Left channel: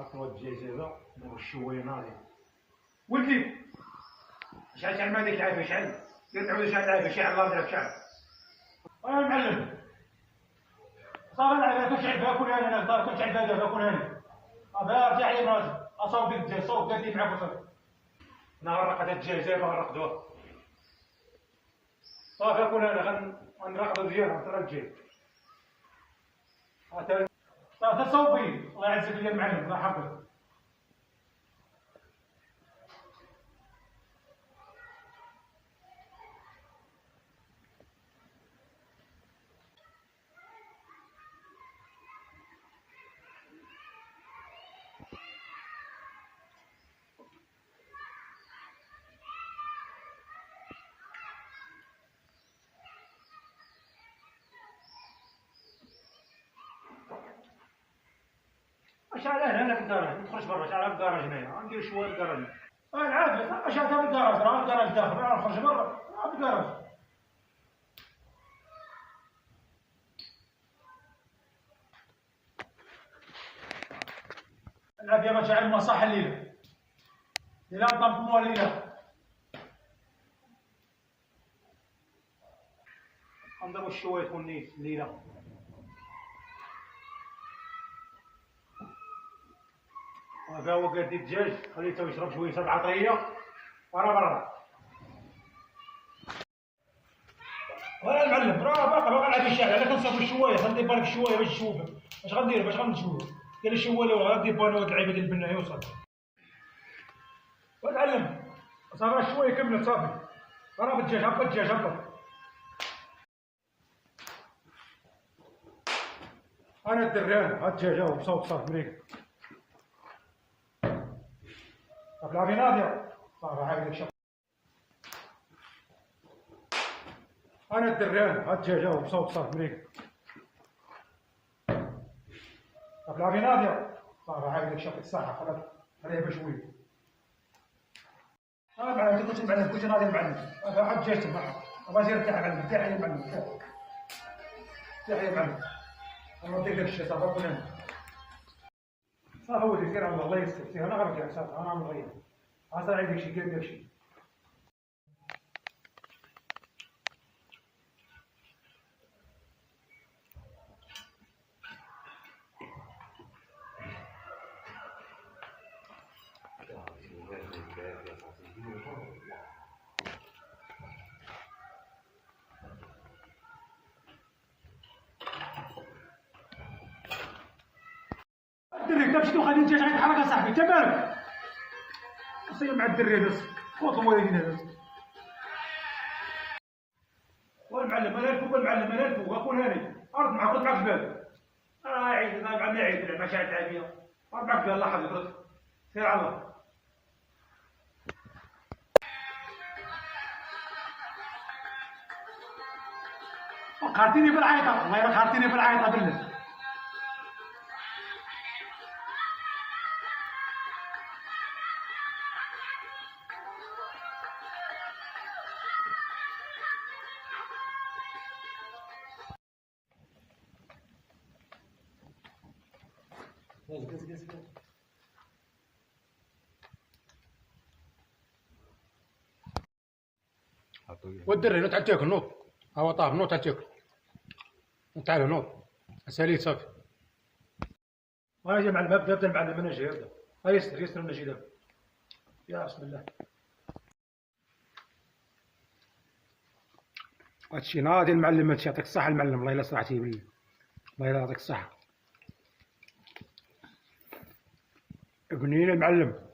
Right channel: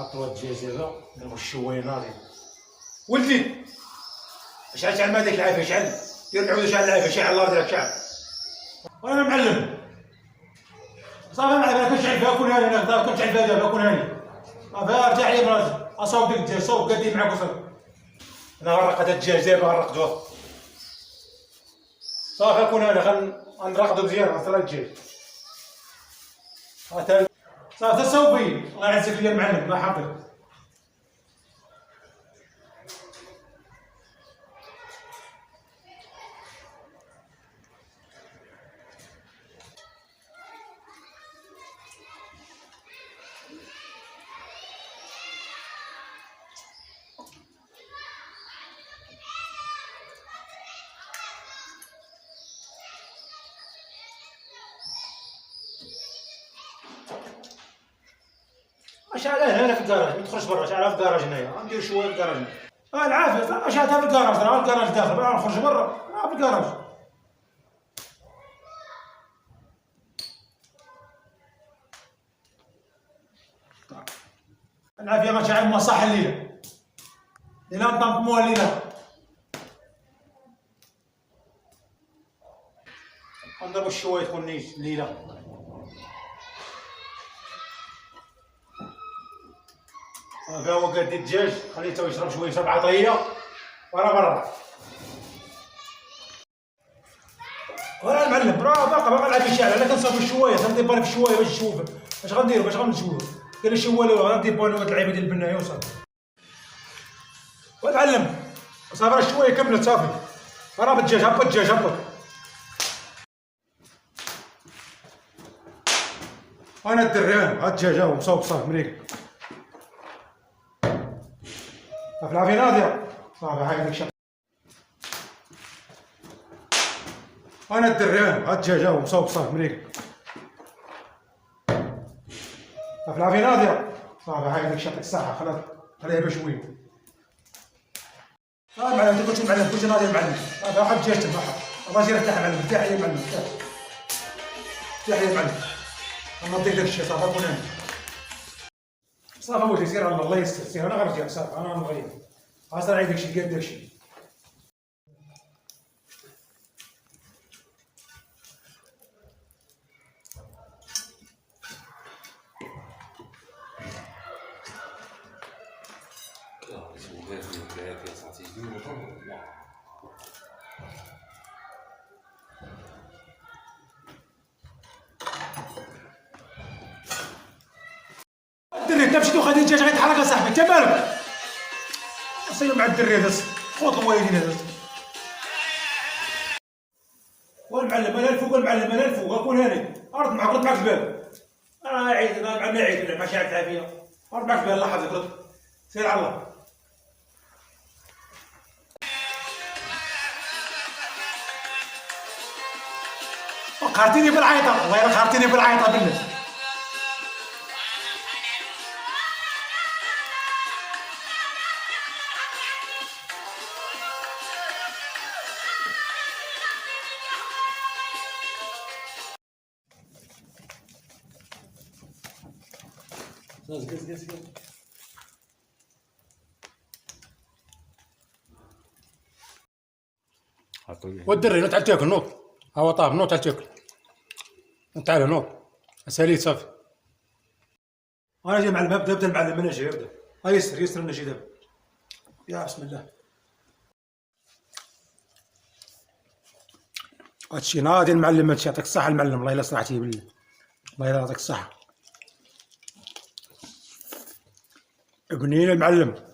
حطوا الدجاجه ناخذ شويه ناضي. ولدي شعل ما ديك العافيه، شعل دير العود، شعل العافيه، شعل الله يرضيك، شعل. وانا معلم صافي معلم، كنشعل فيها كون هاني، انا كنشعل فيها دابا كون هاني صافي. ارجع لي براجل اصاوب ديك الدجاج، صوب قادي معاك وصافي. انا غرقت الدجاج دابا، غرقتوه صافي كون هاني. غنراقدو مزيان، غنصرا الدجاج صافي صوبي. الله يعزك ليا المعلم، الله يحفظك. شعلها هنا في الكراج، ما تخرجش برا، شعلها في الكراج هنايا، غندير شويه في الكراج. العافيه شعلتها في الكراج، راه الكراج داخل، راه نخرج برا، راه في الكراج. العافيه غنشعل مصاح الليله، الا نطمطموها الليله غنضربو شويه تكون نيت الليله. صافي هو قاد الدجاج، خليته يشرب شويه، يشرب عطريه وراه برا. وراه المعلم راه باقي العافيه شاعل. انا كنصاوب شويه، غندير بالي في شويه باش نشوف اش غنديرو، باش غنشوفو. كاين شي والو، غندير بالي هاد اللعيبه ديال البنايه وصافي. والمعلم صافي راه شويه كملت صافي. راه بالدجاج، هبط الدجاج، هبط. انا الدريان، هاد الدجاج هاهو مصوب صافي مريقل. صافي العافيه ناضيه صافي. هاك ديك الشيء. انا الدريان، هاد الدجاج هاهو مصوب صافي مريقل. صافي العافيه ناضيه صافي. هاك ديك الشيء، يعطيك الصحه. خليها بشويه صافي. معلم انت كنت معلم، كنت ناضي المعلم صافي. واحد الدجاج تبعها الراجل ارتاح يا معلم، ارتاح يا معلم، ارتاح يا معلم. نعطيك داك الشيء صافي. كون هاني صافي ولدي، سير الله يستر، سير انا غنرجع صافي. انا نغير اصلا عليك داكشي، دير داكشي. الدري انت مشيتو خديت الدجاج غيتحرك اصاحبي، انت مالك؟ سير مع الدري هذا، خوت الوالدين هذا. والمعلم انا الفوق، المعلم انا الفوق، كون هاني رد معاك، رد معاك الباب. انا عيد، انا ما عيد ماشي عاد العافيه. رد معاك الباب، الله يحفظك، رد سير على الله. قهرتيني بالعيطه، والله الا قهرتيني بالعيطه بالله. قز والدري تعال تاكل، نوض هو طاب، نوض تعال تاكل، تعال نوض اسالي صافي. انا جاي مع الباب، بدا المعلم انا جاي، ابدا يسر يسر انا جاي دابا. يا بسم الله. هادشي ناضي المعلم، هادشي يعطيك الصحة المعلم، الله الا صلحتيه بالله، الله الا يعطيك الصحة. ابني المعلم.